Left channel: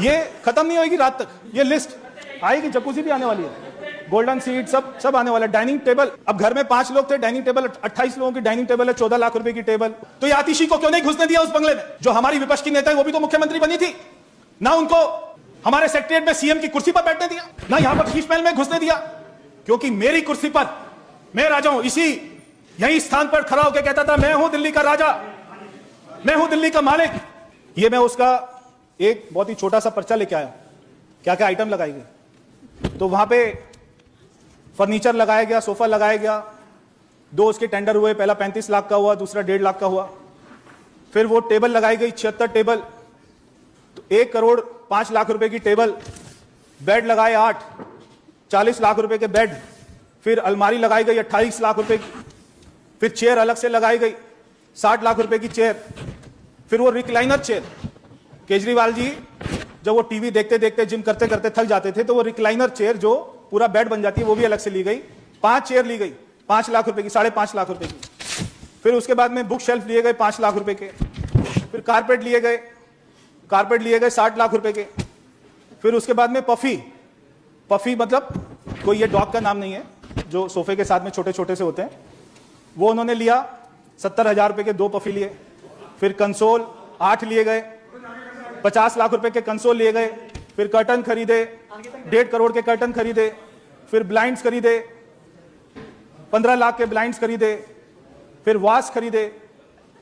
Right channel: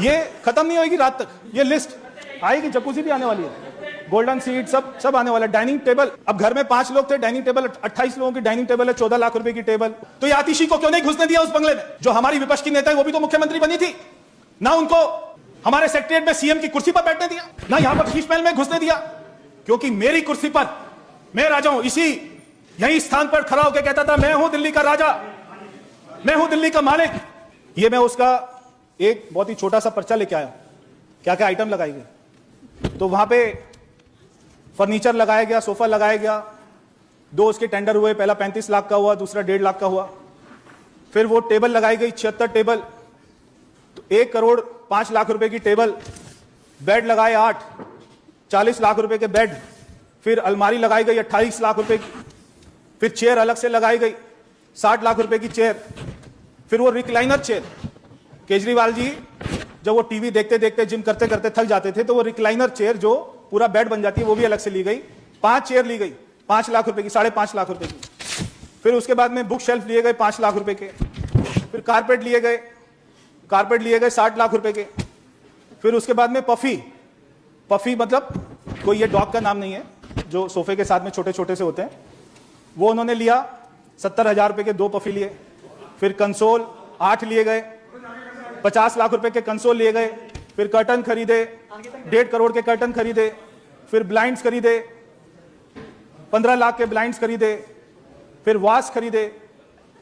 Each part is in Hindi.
ये खत्म नहीं होगी रात तक, ये लिस्ट आएगी। जकूजी भी आने वाली है, गोल्डन सीट सब आने वाला है। डाइनिंग टेबल, अब घर में 5 लोग थे, डाइनिंग टेबल 28 लोगों की डाइनिंग टेबल है, 14 लाख रुपए की टेबल। तो ये आतिशी को क्यों नहीं घुसने दिया उस बंगले में? जो हमारी विपक्ष की नेता है वो भी तो मुख्यमंत्री बनी थी ना, उनको हमारे सेक्रेटरीट में सीएम की कुर्सी पर बैठने दिया ना, यहां पर फीस महल में घुसने दिया। क्योंकि मेरी कुर्सी पर मैं राजा हूं, इसी नई स्थान पर खड़ा होकर कहता था मैं हूं दिल्ली का राजा, मैं हूं दिल्ली का मालिक। ये मैं उसका एक बहुत ही छोटा सा पर्चा लेके आया, क्या क्या आइटम लगाई गई। तो वहां पे फर्नीचर लगाया गया, सोफा लगाया गया, 2 उसके टेंडर हुए, पहला 35 लाख का हुआ, दूसरा 1.5 लाख का हुआ। फिर वो टेबल लगाई गई 76 टेबल, तो 1 करोड़ 5 लाख रुपए की टेबल। बेड लगाए 8, 40 लाख रुपए के बेड। फिर अलमारी लगाई गई 28 लाख रुपए की। फिर चेयर अलग से लगाई गई 60 लाख रुपए की चेयर। फिर वो रिक्लाइनर चेयर, केजरीवाल जी जब वो टीवी देखते देखते जिम करते करते थक जाते थे, तो वो रिक्लाइनर चेयर जो पूरा बेड बन जाती है वो भी अलग से ली गई। 5 चेयर ली गई 5 लाख रुपए की, 5.5 लाख रुपए की। फिर उसके बाद में बुक शेल्फ लिए गए 5 लाख रुपए के। फिर कारपेट लिए गए 60 लाख रुपए के। फिर उसके बाद में पफी मतलब कोई ये डॉग का नाम नहीं है, जो सोफे के साथ में छोटे छोटे से होते हैं, वो उन्होंने लिया 70,000 रुपए के 2 पफी लिए। फिर कंसोल 8 लिए गए, 50 लाख रुपए के कंसोल लिए गए। फिर कर्टन खरीदे, 1.5 करोड़ के कर्टन खरीदे। फिर ब्लाइंड्स खरीदे, 15 लाख के ब्लाइंड्स खरीदे। फिर वाश खरीदे,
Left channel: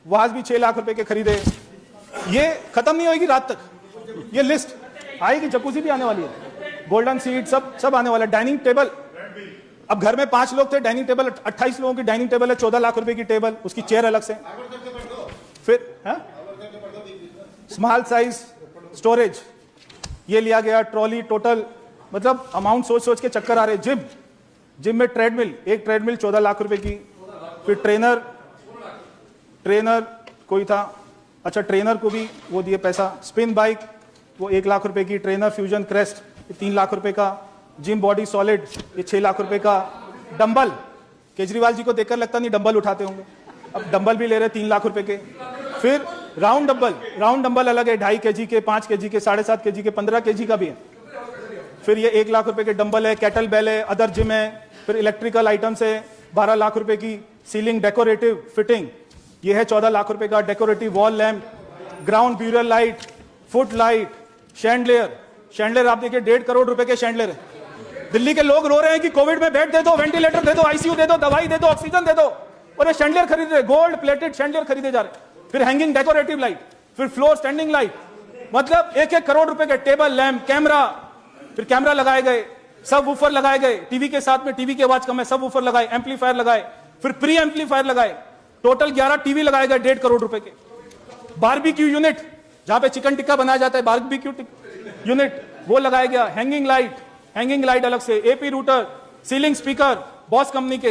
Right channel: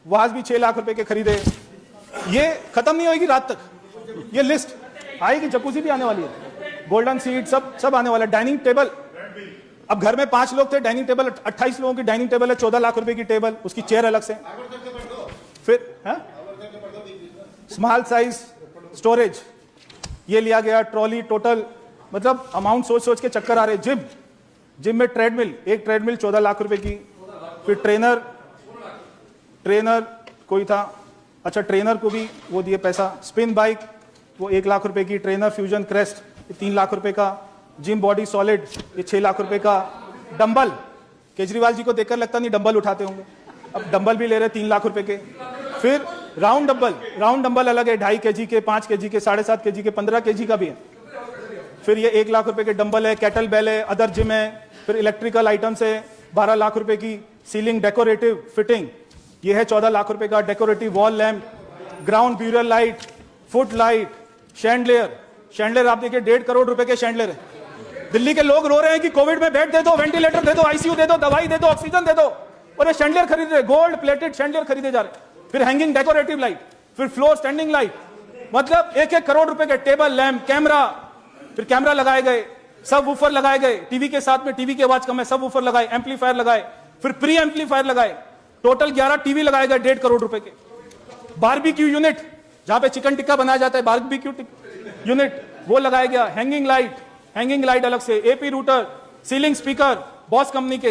वाश भी 6 लाख रुपए के खरीदे। ये खत्म नहीं होगी रात तक, ये लिस्ट आएगी। जकूजी भी आने वाली है, गोल्डन सीट सब आने वाला है। डाइनिंग टेबल, अब घर में 5 लोग थे, डाइनिंग टेबल 28 लोगों की डाइनिंग टेबल है, 14 लाख रुपए की टेबल, उसकी चेयर अलग से। फिर स्मॉल साइज स्टोरेज ये लिया गया, ट्रॉली, टोटल मतलब अमाउंट सोच के चक्कर आ रहे। जिम में ट्रेडमिल, एक ट्रेडमिल 14 लाख रुपए की। फिर ट्रेनर कोई था, अच्छा ट्रेनर को भी वो दिए पैसा। स्पिन बाइक वो 1 लाख रुपए की। ट्रेनर फ्यूजन क्रेस्ट 3 लाख रुपए का। जिम बॉडी सॉलिड ये 6 लाख रुपए का। डंबल, केजरीवाल जी को देखकर लगता नहीं डंबल उठाते होंगे, अब डंबल भी ले रहे 3 लाख रुपए के। फिर राउंड डंबल अलग है, 2.5 kg के, 5 kg के, 7.5 kg के, 15 kg का भी है। फिर ये 1 लाख रुपए के डंबल है, कैटल बेल है, अदर जिम है। फिर इलेक्ट्रिकल आइटम्स है 12 लाख रुपए की। सीलिंग डेकोरेटिव फिटिंग ये है 14 लाख रुपए का। Decorative wall lamp, ground burial light, foot light, chandelier आप देखिए 1.5 करोड़ रुपए के शैंडलियर है। दिल्ली के लोग रो रहे हैं कि कोविड में बेड दे दो, वेंटिलेटर दे दो, आईसीयू दे दो, दवाई दे दो, ऑक्सीजन दे दो, और ये शैंडलियर खरीद रहे, गोल्ड प्लेटेड शैंडलियर खरीदे जा रहे। फिर हैंगिंग डेकोरेटिव लाइट, फिर फ्लोर स्टैंडिंग लाइट, मतलब 1-1 करोड़ रुपए के टेबल लैम्प, कैमरा। फिर कैमरा लगाए गए, सब वूफर लगाए गए, टीवी के साथ में, टीवी की आवाज कम है, सब वूफर लगाए, एम्पलीफायर लगाए। फिर प्री एम्पलीफायर लगाए, टोटल 11 टीवी लगाए गए 1.5 करोड़ रुपए के। बारबेक्यू यूनिट, जहां पे चिकन टिक्का बनाया जाता है, बारबेक्यू यूनिट वो लगाया गया। हैंगिंग लाइट अलग से। AP router, ceiling speaker boss company के,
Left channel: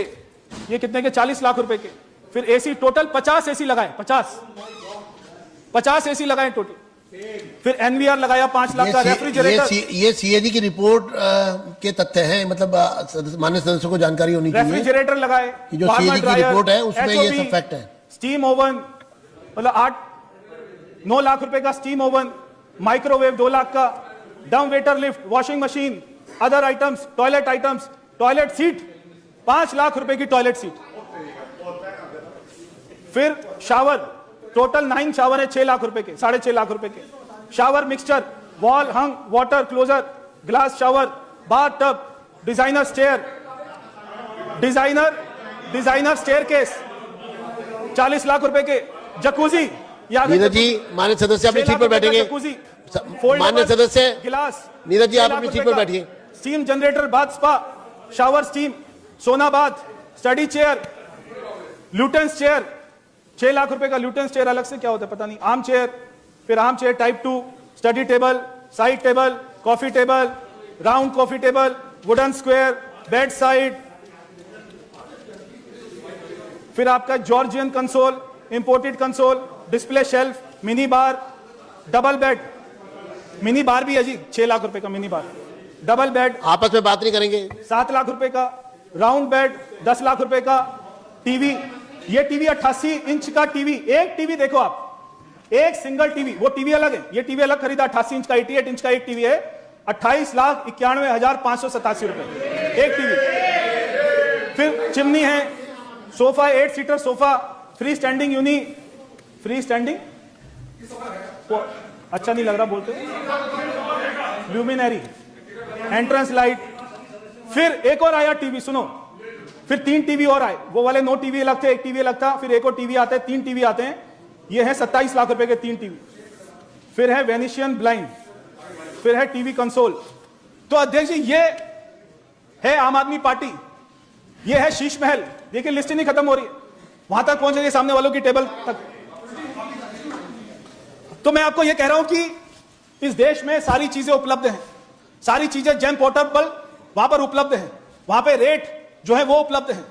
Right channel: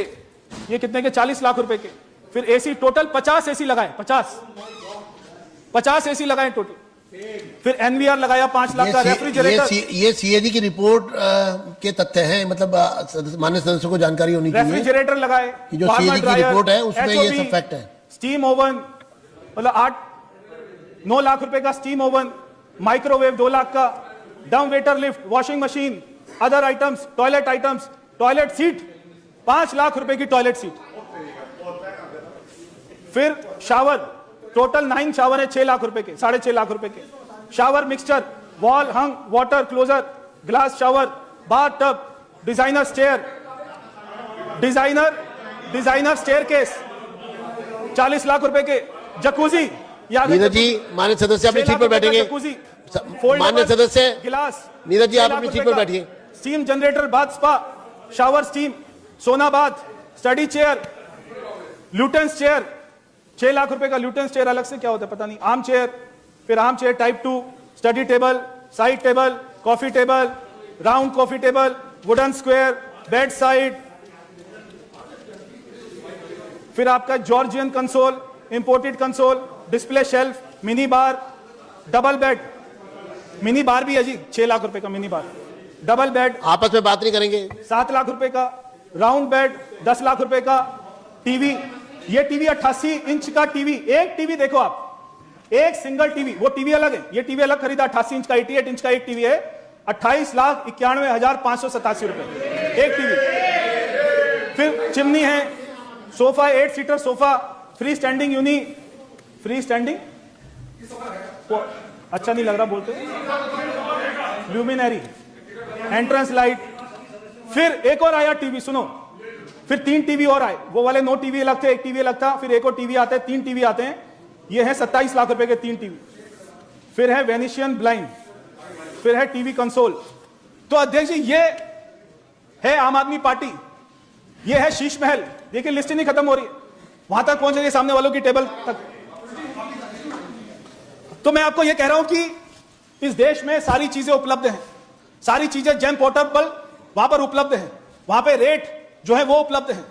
ये कितने के? 40 लाख रुपए के। फिर एसी, टोटल 50 एसी लगाए, 50 एसी लगाए टोटल। फिर एनवीआर लगाया 5 लाख का। रेफ्रिजरेटर, ये सीएजी की रिपोर्ट के तथ्य हैं, मतलब माननीय सदस्यों को जानकारी होनी चाहिए। रेफ्रिजरेटर लगाए, जो सीएजी की रिपोर्ट है उसमें ये सब फैक्ट है। स्टीम ओवन मतलब 9 लाख रुपए का स्टीम ओवन। माइक्रोवेव 2 लाख का। Dumb waiter lift, washing machine, other items, toilet seat 5 lakh रुपए की टॉयलेट सीट। फिर शावर, टोटल 9 शावर है 6 लाख रुपए के, 6.5 लाख रुपए के। Shower mixture, wall hung water closer, glass shower, bath tub, designer staircase 40 lakh रुपए के। जकूजी, नीरज जी मान्य सदस्य अपनी सीट पर बैठेंगे। मान्य सदस्य गिलास, नीरज जी आप अपनी सीट पर बैठिए। Steam generator, bath spa, shower steam, sauna bath, study chair, Lutyens chair 6 lakh रुपए का। ल्यूटेंस चेयर अलग से क्या होता है पता नहीं। आर्म चेयर, फिर arm chair type 2, study table, side table, coffee table, round coffee table, wooden square, bed side. फिर आपका Georgian console, imported console, display shelf, mini bar, double bed, mini bar भी है जी 6 लाख रुपए का मिनी बार। डबल बेड, आपस में बात नहीं करेंगे। 7 लाख रुपए का। राउंड बेड 10 लाख रुपए का। टीवी, ये टीवी 88 इंच का टीवी, एक टीवी देखो आप, एक सिंगल टीवी, वो टीवी अलग है, ये टीवी अलग खरीदा 88 इंच का, 88 इंच का एक टीवी है, 28,91,587 रुपए एक टीवी। फिर चिमनी है, sofa 8 seater sofa, free standing unit, free standing तो अच्छा नहीं लग रहा बोलते, ल्यूमिनरी, एंट्रेंस लाइट। फिर एक और आया टीवी, सुनो, फिर 3 टीवी और आए, वो वाले 9 टीवी अलग थे, एक टीवी अलग था, फिर एक और टीवी आते हैं, 3 टीवी आते हैं, ये है 27 लाख रुपए के 3 टीवी। फिर है वेनिशियन ब्लाइंड, फिर है टीवी कंसोल। तो अध्यक्ष जी ये है आम आदमी पार्टी, ये है शीश महल। देखिए लिस्ट ही नहीं खत्म हो रही है, वहां तक पहुंच रही है सामने वालों की टेबल तक। तो मैं आपको ये कह रहा हूं कि इस देश में सारी चीजें उपलब्ध हैं, सारी चीजें जन पोर्टल वहां पर उपलब्ध है, वहां पे रेट जो है वो उपलब्ध है,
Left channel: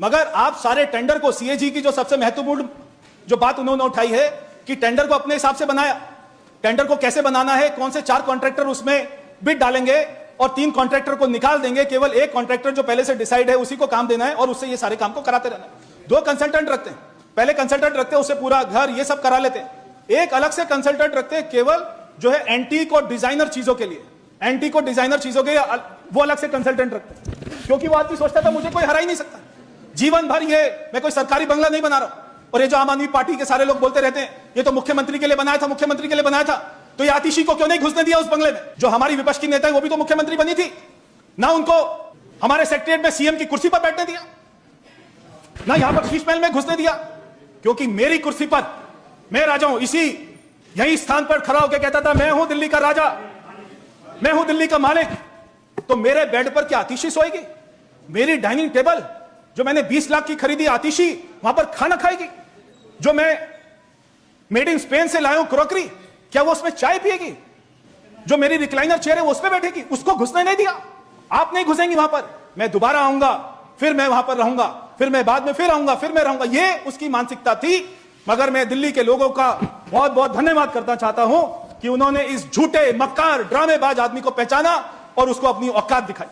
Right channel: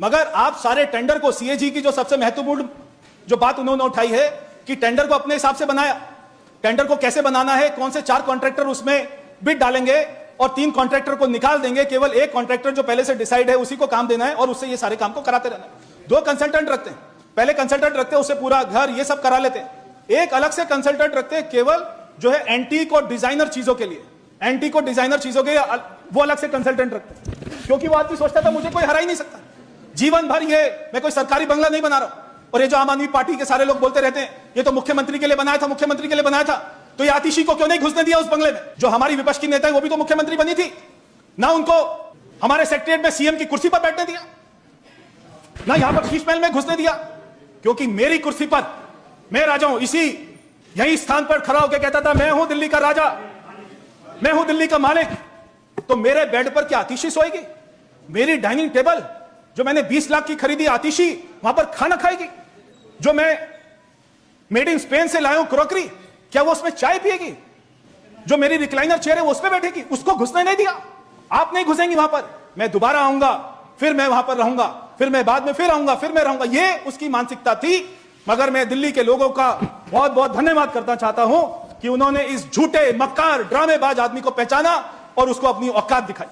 मगर आप सारे टेंडर को, सीएजी की जो सबसे महत्वपूर्ण जो बात उन्होंने उठाई है कि टेंडर को अपने हिसाब से बनाया। टेंडर को कैसे बनाना है, कौन से 4 कॉन्ट्रैक्टर उसमें बिड डालेंगे और 3 कॉन्ट्रैक्टर को निकाल देंगे, केवल एक कॉन्ट्रैक्टर जो पहले से डिसाइड है उसी को काम देना है और उससे ये सारे काम को कराते रहना है। 2 कंसल्टेंट रखते हैं, पहले कंसल्टेंट रखते हैं, उसे पूरा घर ये सब करा लेते हैं। एक अलग से कंसल्टेंट रखते हैं केवल जो है एंटीक और डिजाइनर चीजों के लिए, एंटीक और डिजाइनर चीजों के वो अलग से कंसल्टेंट रखते हैं, क्योंकि वो आदमी सोचता था मुझे कोई हरा ही नहीं सकता, जीवन भर ये मैं कोई सरकारी बंगला नहीं बना रहा। और ये जो आम आदमी पार्टी के सारे लोग बोलते रहते हैं ये तो मुख्यमंत्री के लिए बनाया था, मुख्यमंत्री के लिए बनाया था, तो ये आतिशी को क्यों नहीं घुसने दिया उस बंगले में? जो हमारी विपक्ष की नेता है वो भी तो मुख्यमंत्री बनी थी ना, उनको हमारे सेक्रेटरीट में सीएम की कुर्सी पर बैठने दिया ना, यहां पर शीश महल में घुसने दिया, क्योंकि मेरी कुर्सी पर मैं राजा हूं। इसी यही स्थान पर खड़ा होकर कहता था मैं हूं दिल्ली का राजा, मैं हूं दिल्ली का मालिक, तो मेरे बेड पर क्या आतिशी सोएगी? मेरी डाइनिंग टेबल जो मैंने 20 लाख की खरीदी आतिशी वहां पर खाना खाएगी, जो मैं मेड इन स्पेन से लाया हूं क्रॉकरी, क्या वो उसमें चाय पिएगी? जो मेरी रिक्लाइनर चेयर है वो उसमें बैठेगी, उसको घुसने नहीं दिया। आप नहीं घुसेंगे वहां पर, मैं दोबारा आऊंगा, फिर मैं वहां पर रहूंगा, फिर मैं बाद में फिर आऊंगा, फिर मैं रहूंगा, ये उसकी मानसिकता थी। मगर मैं दिल्ली के लोगों का बहुत बहुत धन्यवाद करना चाहता हूं कि उन्होंने इस झूठे मक्कार ड्रामेबाज आदमी को पहचाना और उसको अपनी औकात दिखाई।